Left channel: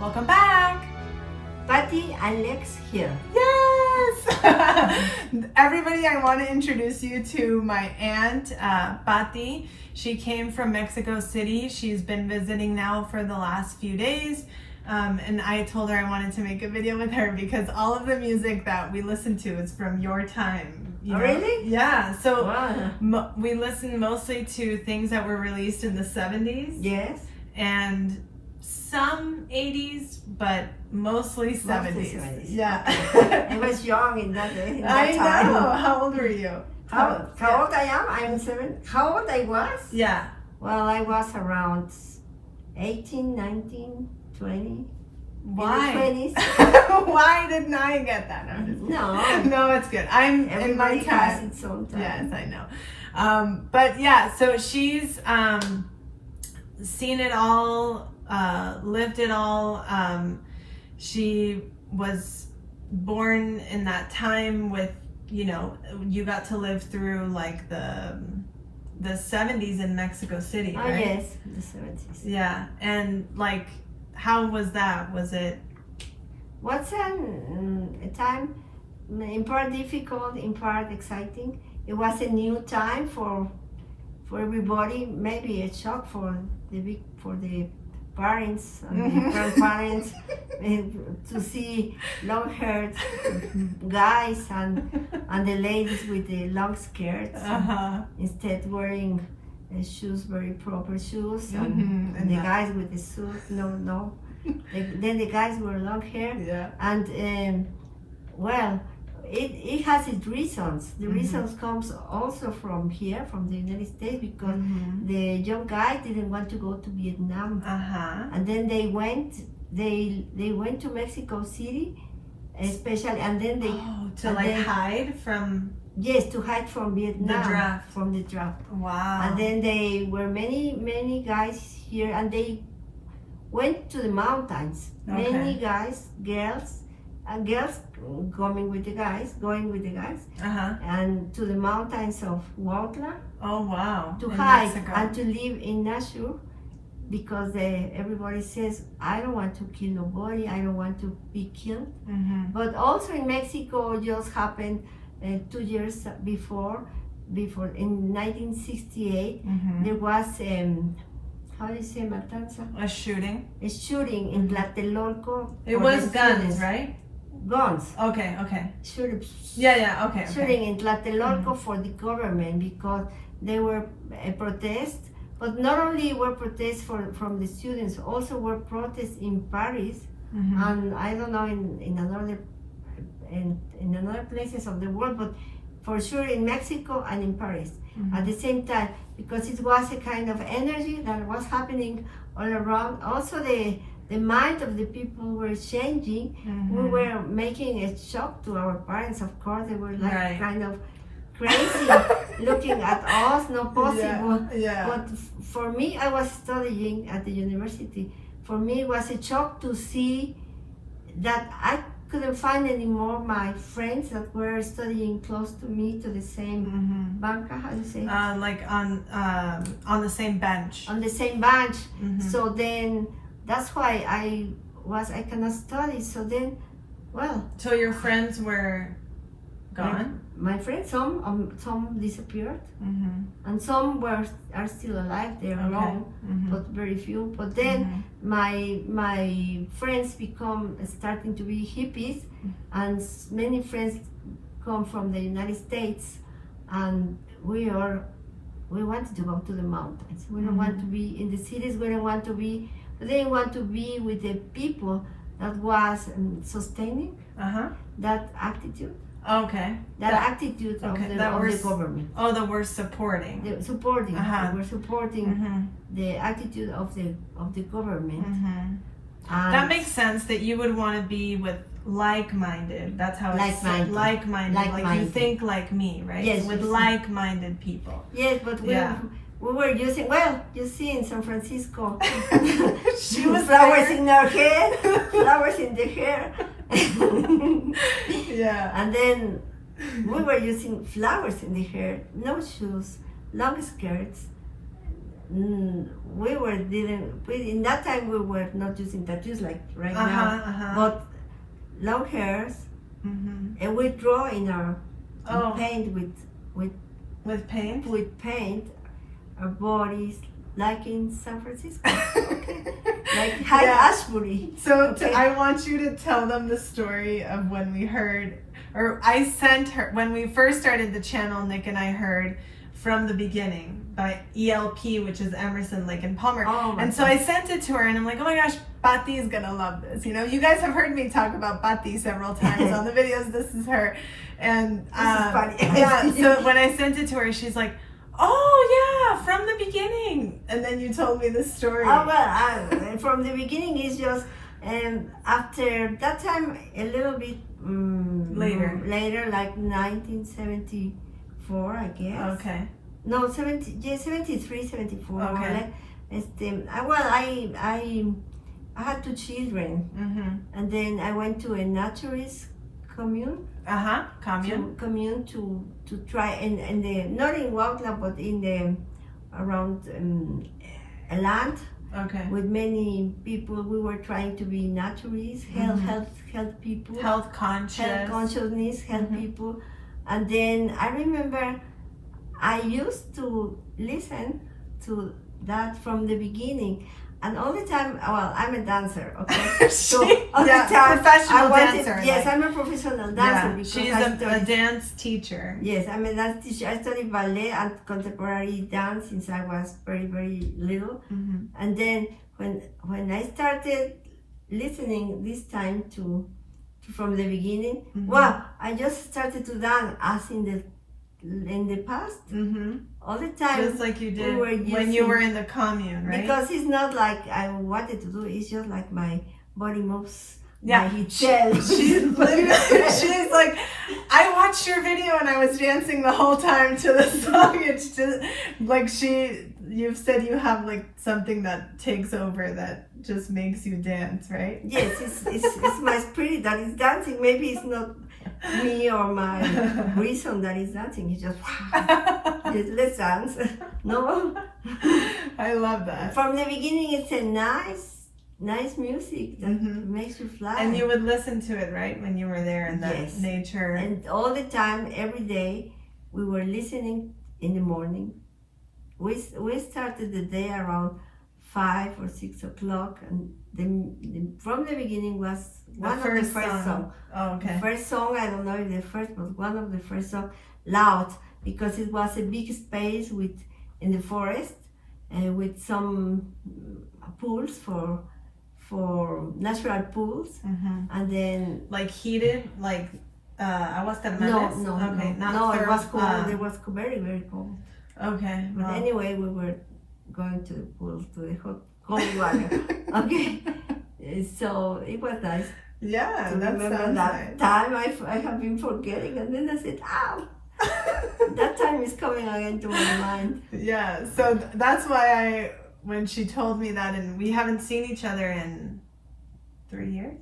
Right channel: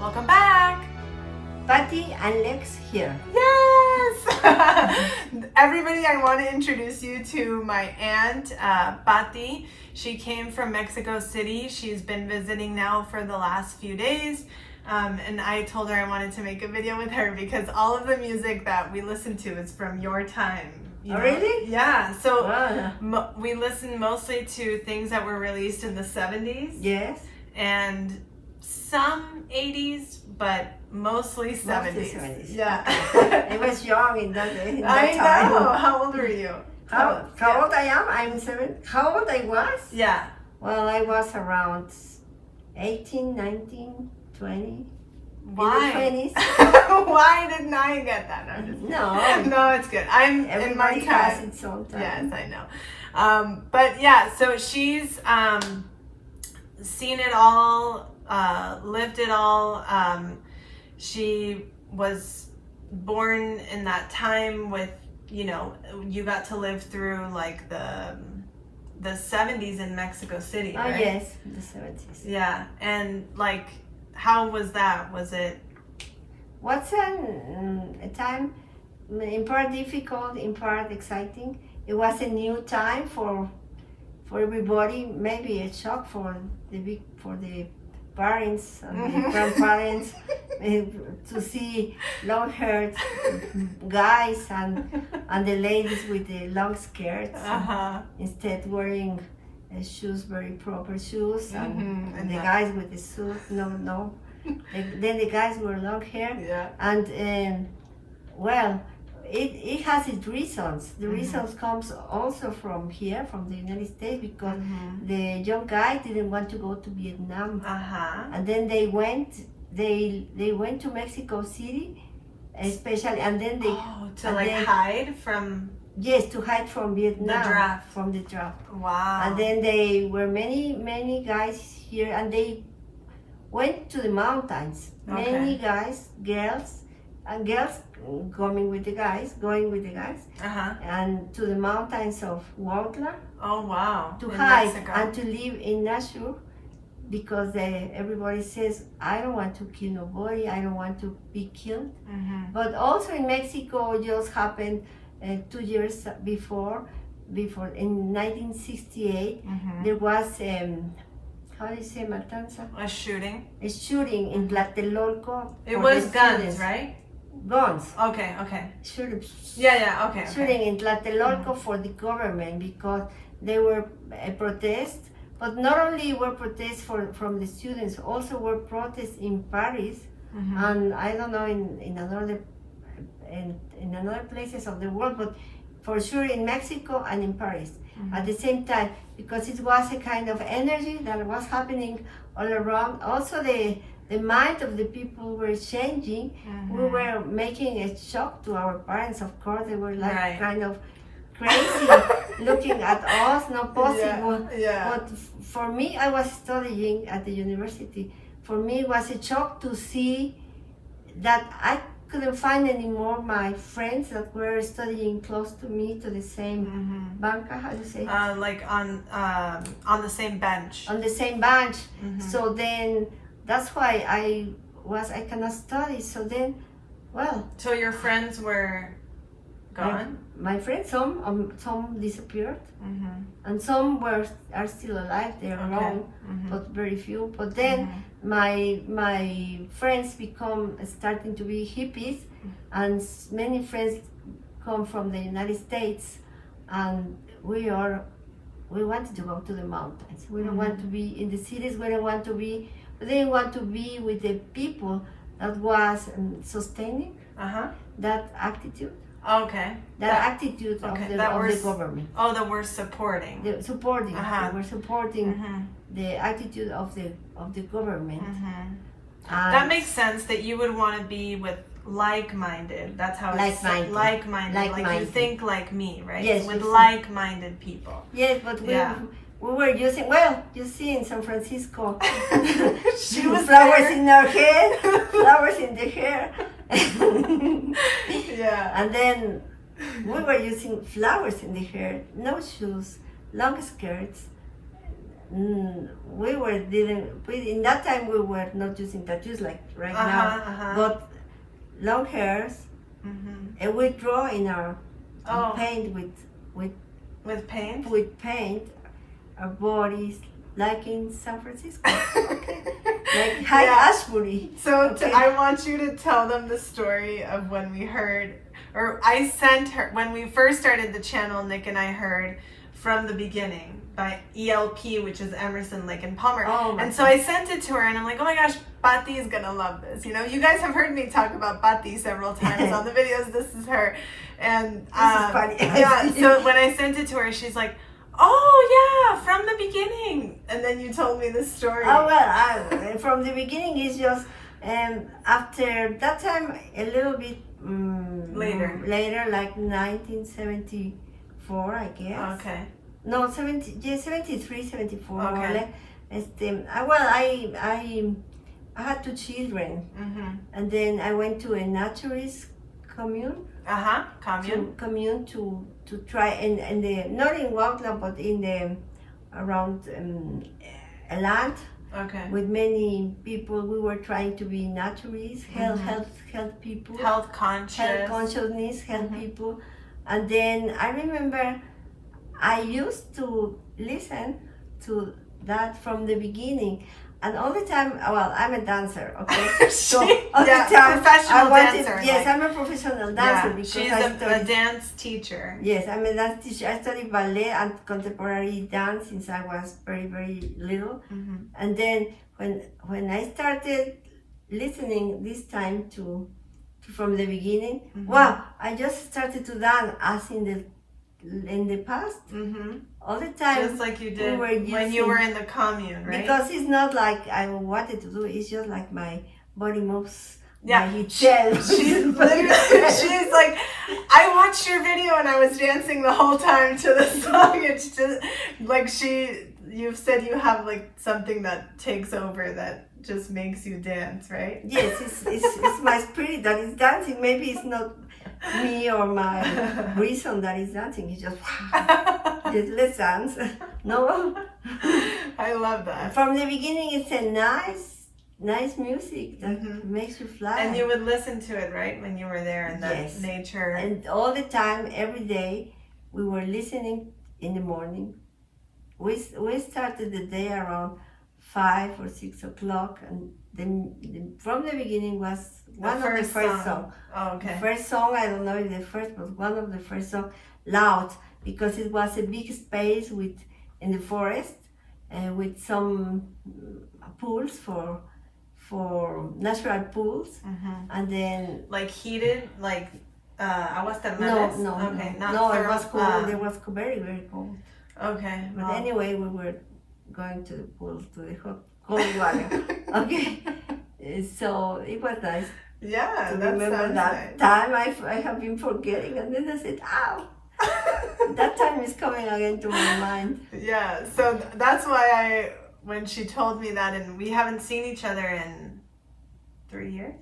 Welcome back! Paty and Lex here. Yes! Everybody, I want to introduce you to my aunt, Paty. She came from Mexico City. She's been visiting now for the last few days. And I told her I wanted to make a video with her because all of the music that we listen to is from your time. You know? Really? Yeah. So Wow. we listen mostly to things that were released in the 70's. Yes. And some 80's, but mostly 70's. 70s. Yeah. I was young in that I time. know. How old were you? How old I am? I'm 7. How old I was? Yeah. Well, I was around 18, 19, 20. Why? In the 20s. Why didn't I get that? I'm just No. No, it's good. I'm in my Everybody has time. its own time. Yes, I know. But yeah, so she's seen it all, lived it all. She was born in that time with, you know, you got to live through like the 70's in Mexico City, Oh, right? yes, the 70s. Yeah, and like, how was that? Was it? What's a time in part difficult, in part exciting? It was a new time for everybody. Maybe a shock for the parents and the grandparents to see long-haired guys and the ladies with the long skirts instead wearing shoes, very proper shoes, and the guys with the suit. No. Then the guys were long hair. Yeah. And well, it has its reasons. The reasons comes also from here, from the United States, because the young guy didn't want to go to Vietnam, and then they went to Mexico City, especially, and then they hide from. Yes, to hide from Vietnam. From the draft. Wow. And then they were many guys here, and they went to the mountains. Okay. Many guys, girls going with the guys, and to the mountains of Huautla. Oh wow. To in hide Mexico. and to live in nature, because everybody says, I don't want to kill nobody, I don't want to be killed. But also in Mexico, just happened 2 years before in 1968, there was how do you say matanza? A shooting. A shooting in Tlatelolco. It for was the guns, students. right? Guns. Okay. Shooting. Yeah. Okay. Shooting in Tlatelolco for the government, because they were a protest. But not only were protests from the students, also were protests in Paris, and I don't know in another places of the world, but for sure in Mexico and in Paris at the same time, because it was a kind of energy that was happening all around. Also the mind of the people were changing. We were making a shock to our parents, of course. They were like kind of crazy looking at us, not possible. Yeah. But for me, I was studying at the university. For me, it was a shock to see that I couldn't find anymore my friends that were studying close to me, to the same banca, how do you say? Like on the same bench. On the same bench. So then that's why I cannot study. So then, well. So your friends were gone? My friends, some disappeared, and some are still alive. They are grown, but very few. But then my friends become starting to be hippies, and many friends come from the United States, and we wanted to go to the mountains. We don't want to be in the cities. We don't want to be. They want to be with the people that was sustaining that attitude. Okay. That attitude of the government. Oh, that we're supporting. They were supporting the attitude of the government. That makes sense that you would want to be with like-minded. That's how it's like-minded. Like you think like me, right? Yes. With like-minded people. Yes, but we were using, well, you see in San Francisco, flowers in our hair, flowers in the hair. And then we were using flowers in the hair, no shoes, long skirts, in that time we were not using tattoos like right now, but long hairs, and we draw in our paint with paint our bodies like in San Francisco, okay, like High Ashbury. So I want you to tell them the story of when we heard, or I sent her when we first started the channel. Nick and I heard From the Beginning by ELP, which is Emerson, Lake and Palmer. And so I sent it to her and I'm like, oh my gosh, Paty is gonna love this. You know, you guys have heard me talk about Paty several times on the videos. This is her. And yeah, so when I sent it to her, she's like, oh yeah, From the Beginning. And then you told me this story. Oh well, From the Beginning is just after that time a little bit later, like 1974, I guess. Okay. No, 73, 74. Okay. I had 2 children, and then I went to a Naturist Commune. Commune to try and not in Huautla but in the around a land. Okay. With many people, we were trying to be naturists, health people, health consciousness, people. And then I remember I used to listen to that from the beginning. And all the time, well, I'm a dancer, okay? So all the time, professional dancer. Yes, I'm a professional dancer because she's a dance teacher. Yes, I'm a dance teacher. I studied ballet and contemporary dance since I was very, very little. And then when I started listening this time to From the Beginning, wow, I just started to dance as in the past. All the time, just like you did when you were in the commune, right? Because it's not like I wanted to do it, it's just like my body moves by itself. She's like, I watched your video and I was dancing the whole time to the song. It's just like you've said you have like something that takes over that just makes you dance, right? Yes, it's my spirit that is dancing. Maybe it's not me or my reason that is dancing. It's just yes, let's dance. No, I love that. From the Beginning, it's a nice music that makes you fly. And you would listen to it, right, when you were there in that nature. And all the time, every day, we were listening in the morning. We started the day around 5 or 6 o'clock, and From the Beginning was one of the first songs. Oh, okay. The first song, I don't know if the first, but one of the first songs, loud, because it was a big space in the forest, with some pools for natural pools, and then like heated, like aguas termales. No, okay, no, it was cold. It was very, very cold. Okay. But anyway, we were going to the pool, to the cold water. Okay, so it was nice. Yeah, to remember that time. I have been forgetting, and then I said, "Ow." That time is coming again to my mind. Yeah, so that's why when she told me that, and we haven't seen each other in 3 years?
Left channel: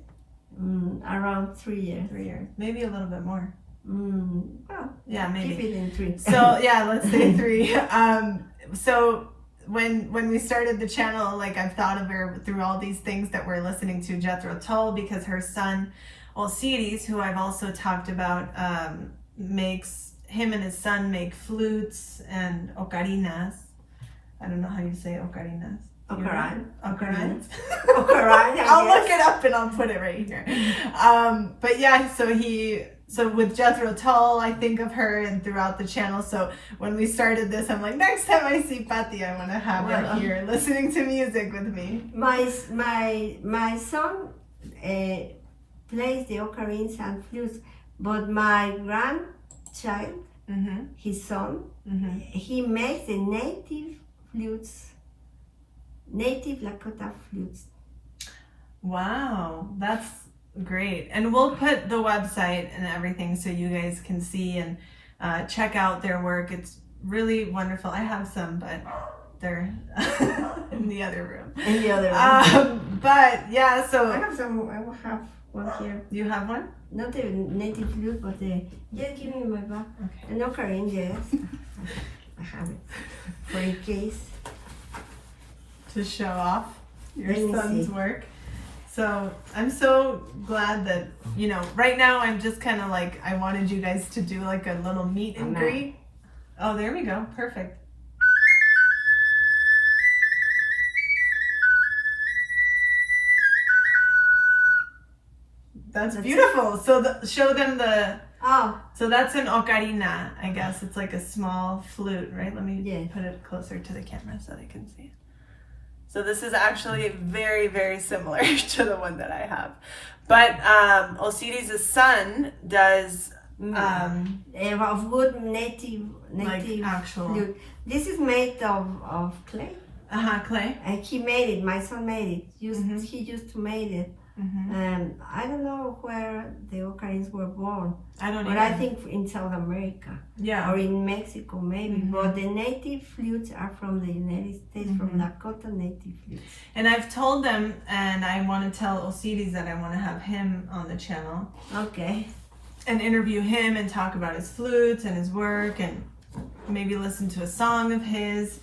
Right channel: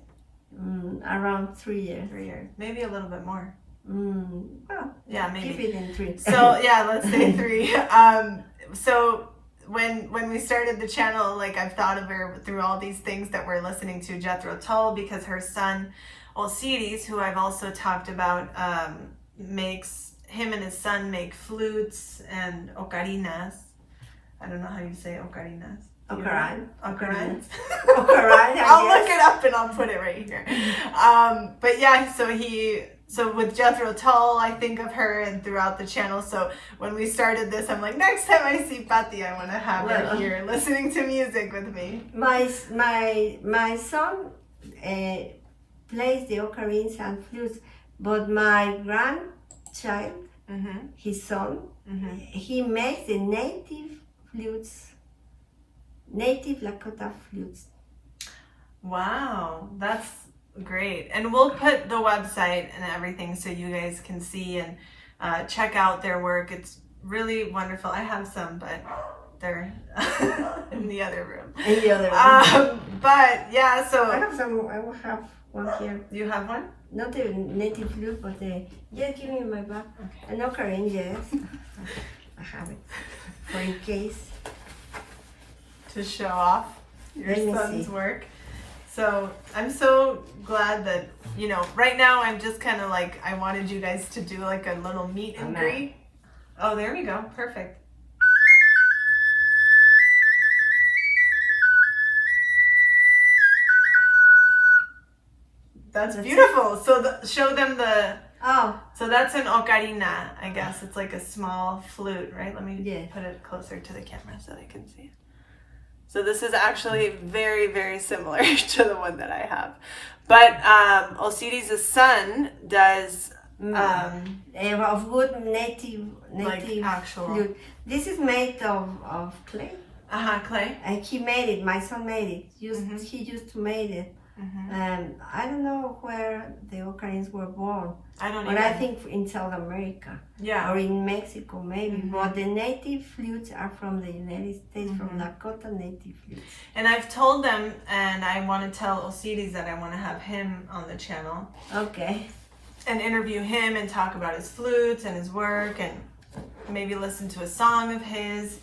Around 3 years. 3 years, maybe a little bit more. Well, yeah, maybe. Keep it in 3. So yeah, let's say 3. So when we started the channel, like I've thought of her through all these things that we're listening to, Jethro Tull, because her son Osiris, who I've also talked about, him and his son make flutes and ocarinas. I don't know how you say ocarinas. Ocarina. Ocarina. I'll look it up and I'll put it right here. But yeah, so with Jethro Tull, I think of her and throughout the channel. So when we started this, I'm like, next time I see Paty, I want to have her here listening to music with me. My son plays the ocarines and flutes, but my grandchild, his son, he makes the native flutes, native Lakota flutes. Wow, that's great. And we'll put the website and everything so you guys can see and check out their work. It's really wonderful. I have some, but they're in the other room. But yeah, so I have some. I will have one here. You have one? Not the native flute, but just give me my back. Okay. An ocarina, yes. I have it for in case. to show off your Let me son's see. work. So I'm so glad that, you know, right now I'm just kind of like, I wanted you guys to do like a little meet and greet. Oh, there we go. Perfect. That's beautiful. So show them the, Oh, so that's an ocarina, I guess. It's like a small flute, right? Let me Yes. put it closer to the camera so that I can see it. So this is actually very, very similar to the one that I have. But Osiris' son does of good native like actual flute. This is made of clay. clay. And he made it. My son made it. He used to make it. And I don't know where the Ocarins were born, I don't know. but I think in South America Yeah. or in Mexico maybe. But the native flutes are from the United States, from Lakota native flutes. And I've told them, and I want to tell Osiris that I want to have him on the channel Okay. and interview him and talk about his flutes and his work and maybe listen to a song of his.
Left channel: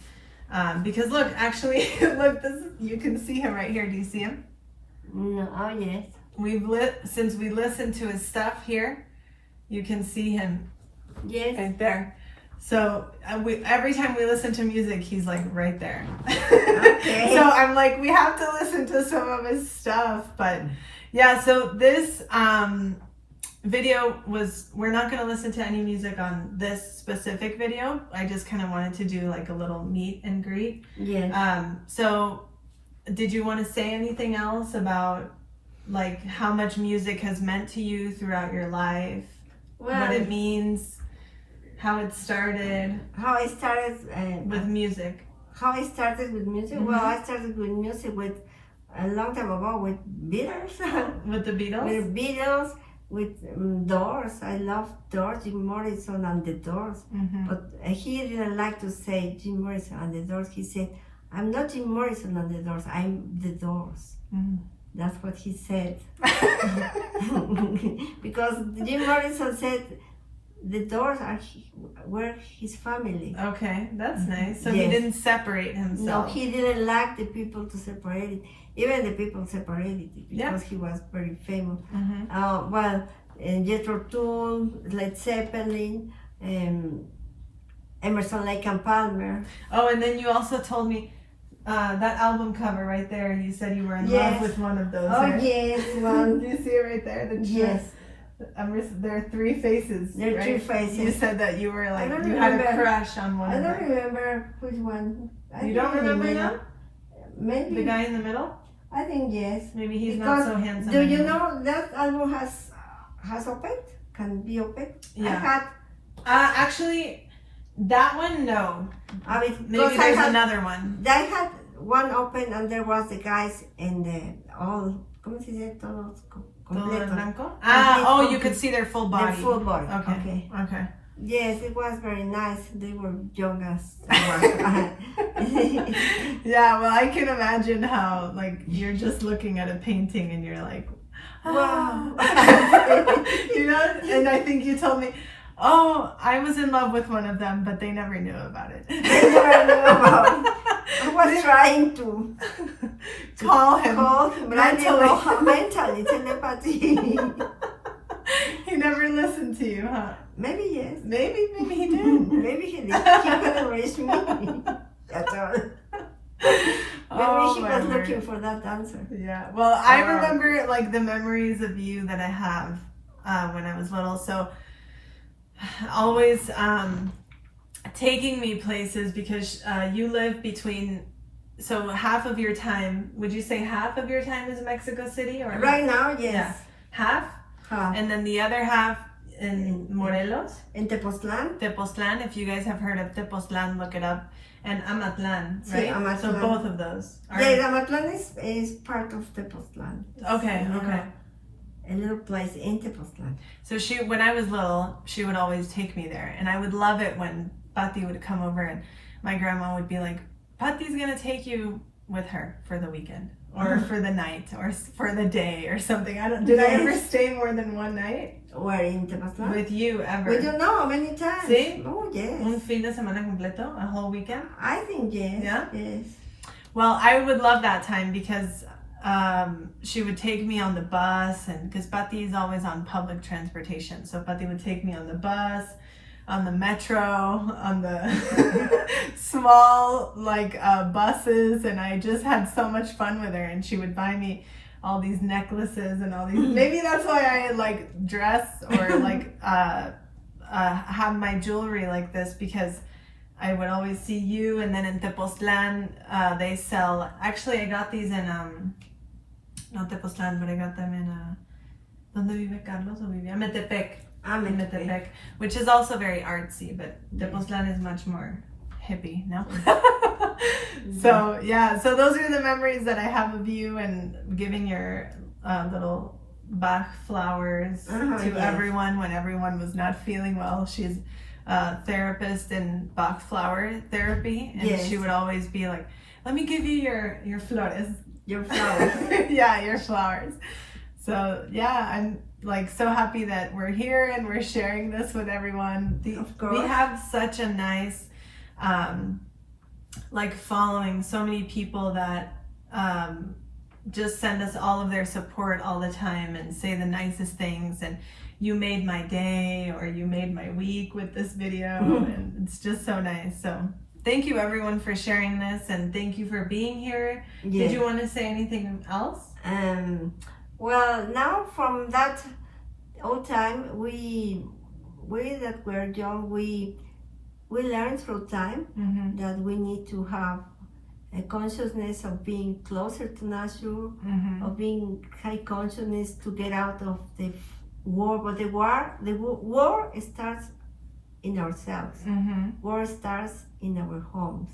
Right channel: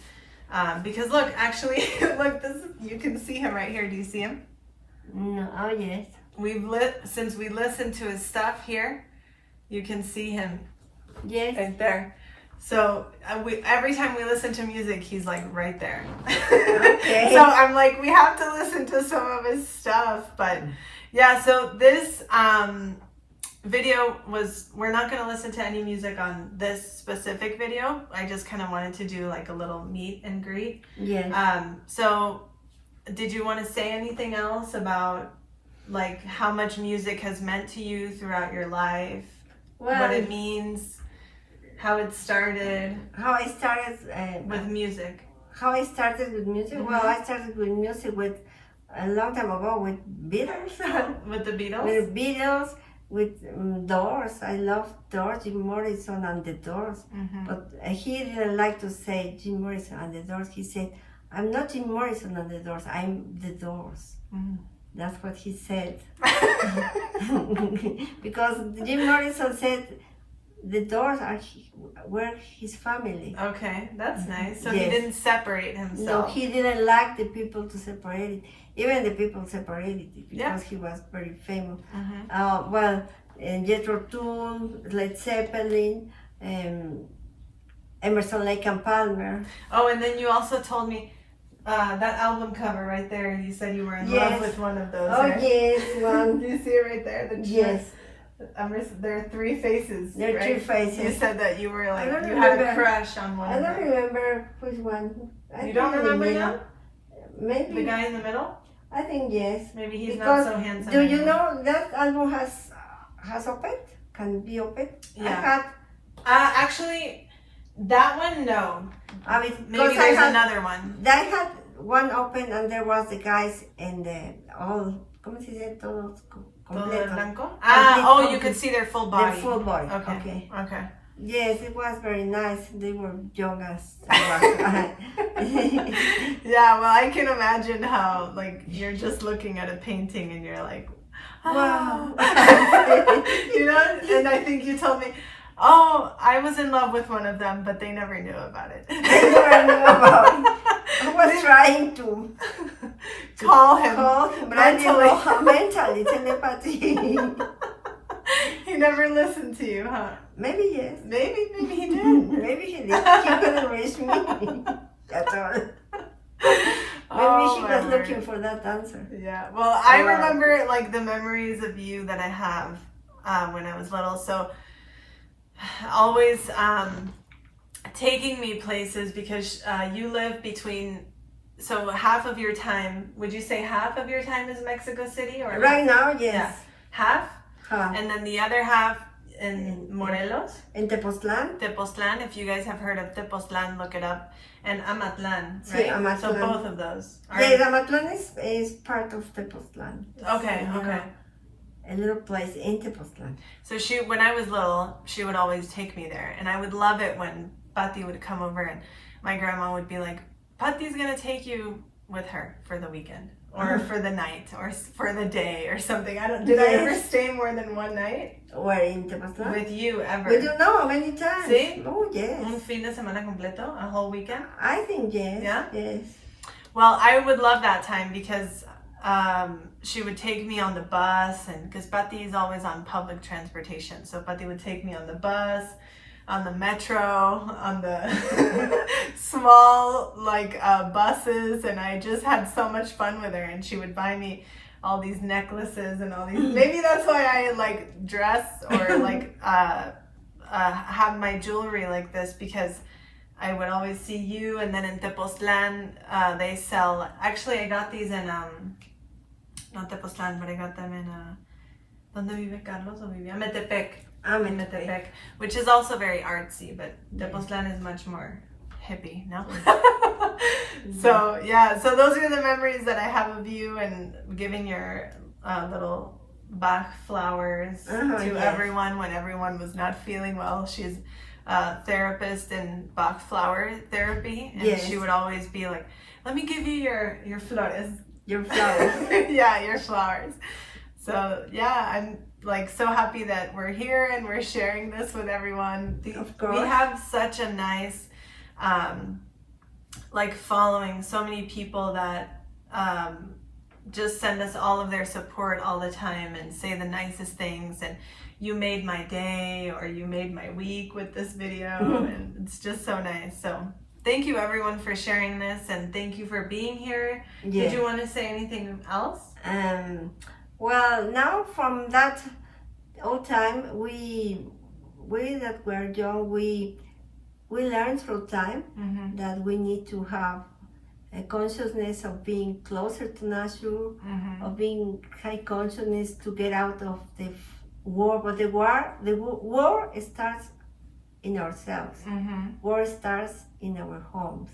Because look, actually, look, you can see him right here. Do you see him? No, oh yes. Since we listened to his stuff here, you can see him Yes. right there. So every time we listen to music, he's like right there. Okay. So I'm like, we have to listen to some of his stuff. But yeah, so this video we're not going to listen to any music on this specific video. I just kind of wanted to do like a little meet and greet. Yes. So did you want to say anything else about like how much music has meant to you throughout your life? Well, What it means, how it started how I started with music? How I started with music? Well, I started with music with a long time ago with Beatles. With the Beatles? With Beatles, with Doors. I love Doors, Jim Morrison and the Doors. But he didn't like to say Jim Morrison and the Doors. He said, I'm not Jim Morrison and the Doors, I'm the Doors. That's what he said. Because Jim Morrison said the Doors were his family. Okay, that's nice. So he Yes. didn't separate No, himself. he didn't like the people to separate it. Even the people separated it because he was very famous. Jethro Tull, Led Zeppelin, Emerson, Lake and Palmer. Oh, and then you also told me that album cover right there. You said you were in love with one of those. Oh right? yes, one. Do you see it right there? The Yes. there are three faces. There are right? three faces. You said that you were like I don't you had a remember. crush on one. I of don't them. remember which one. I You think don't in the remember middle. now? Maybe. The guy in the middle? I think yes. Maybe he's Because not so handsome. do you anymore. know that album has open? Can be open? Yeah. I had. Actually, that one no. I mean, Maybe because I there's had. another one. I had one open and there was the guys and the all. ¿Cómo se dice? Todos Todo el completo. blanco? Complete, You could see their full body. The full body. Okay. Okay. Yes, it was very nice. They were young as I was. Yeah, well, I can imagine how like you're just looking at a painting and you're like, wow. You know, and I think you told me, oh, I was in love with one of them, but they never knew about it. They never knew about it. I was trying to call him, but I didn't know how mentally telepathy. He never listened to you, huh? Maybe yes. Maybe he did. Maybe he did. He couldn't reach me. That's all. Maybe she was looking for that answer. Yeah. Well, I remember like the memories of you that I have when I was little. So always taking me places because you live between. So half of your time, would you say half of your time is Mexico City or Right now, yes. Yeah. Half, and then the other half in Morelos, In Tepoztlan. Tepoztlan. If you guys have heard of Tepoztlan, look it up. And Amatlan, Sí, right? Amatlan. So both of those. Yes, Amatlan is part of Tepoztlan. Okay. A little place in Tepoztlan. So when I was little, she would always take me there, and I would love it when Paty would come over, and my grandma would be like, "Paty's gonna take you with her for the weekend, or for the night, or for the day, or something." Did I ever stay more than one night? Where in Tepoztlan? With you ever? We don't know many times. Sí? Oh yes. Un fin de semana completo, a whole weekend. I think yes. Yeah? Yes. Well, I would love that time because she would take me on the bus, and because Paty is always on public transportation, so Paty would take me on the bus, on the metro, on the small buses, and I just had so much fun with her. And she would buy me all these necklaces and all these. Maybe that's why I like dress or like have my jewelry like this, because I would always see you. And then in Tepoztlan, they sell. Actually, I got these in not Tepoztlan, but I got them in ¿Dónde vive Carlos? O vivía Metepec. In Metepec, which is also very artsy, but Tepoztlan is much more hippie, no? So yeah, so those are the memories that I have of you, and giving your little Bach flowers to everyone when everyone was not feeling well. She's a therapist in Bach flower therapy, and she would always be like, let me give you your flores. Your flowers. Yeah, your flowers. So yeah, I'm like so happy that we're here and we're sharing this with everyone. Of course. We have such a nice following, so many people that just send us all of their support all the time and say the nicest things, and you made my day or you made my week with this video. And it's just so nice. So thank you everyone for sharing this, and thank you for being here. Did you want to say anything else? Well, now from that old time, we that were young, we learned through time that we need to have a consciousness of being closer to nature, of being high consciousness to get out of the war. But the war starts in ourselves. War starts in our homes.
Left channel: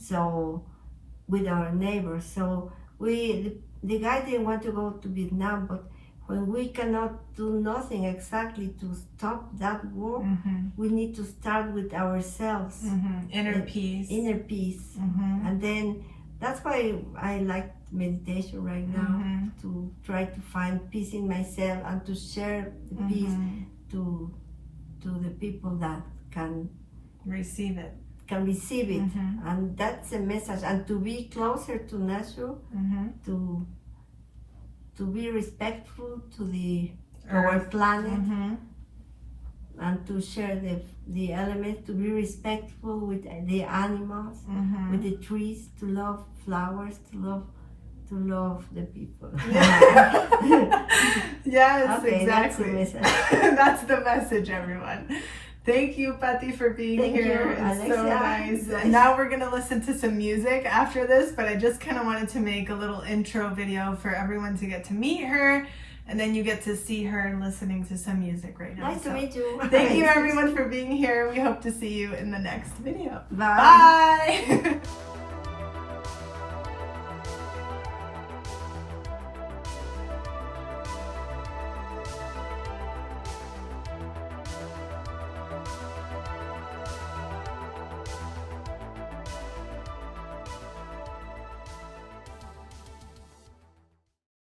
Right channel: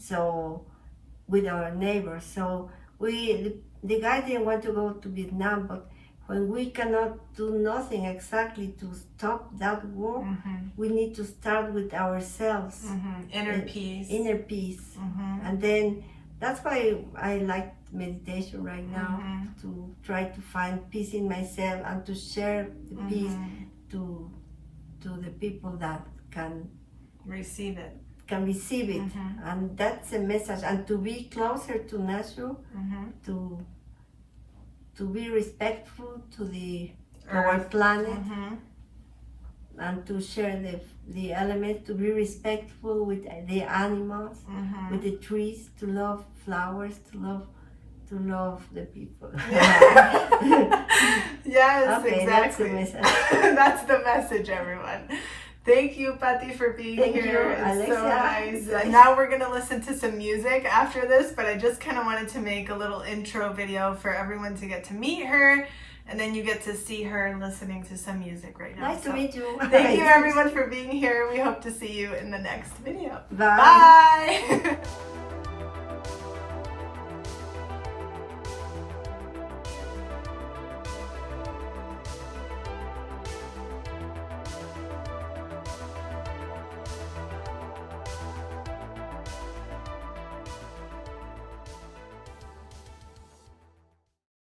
So with our neighbors. So the guy didn't want to go to Vietnam, but when we cannot do nothing exactly to stop that war, we need to start with ourselves. Inner peace. Inner peace. And then that's why I like meditation right now, to try to find peace in myself and to share the peace to the people that can receive it. And that's a message. And to be closer to nature, to be respectful to our planet, and to share the elements, to be respectful with the animals, with the trees, to love flowers, to love the people. Yes, okay, exactly. That's the message. That's the message, everyone. Thank you, Paty, for being here. It's so nice. Now we're going to listen to some music after this, but I just kind of wanted to make a little intro video for everyone to get to meet her, and then you get to see her listening to some music right now. Nice to meet you. Thank you, everyone, for being here. We hope to see you in the next video. Bye. Bye.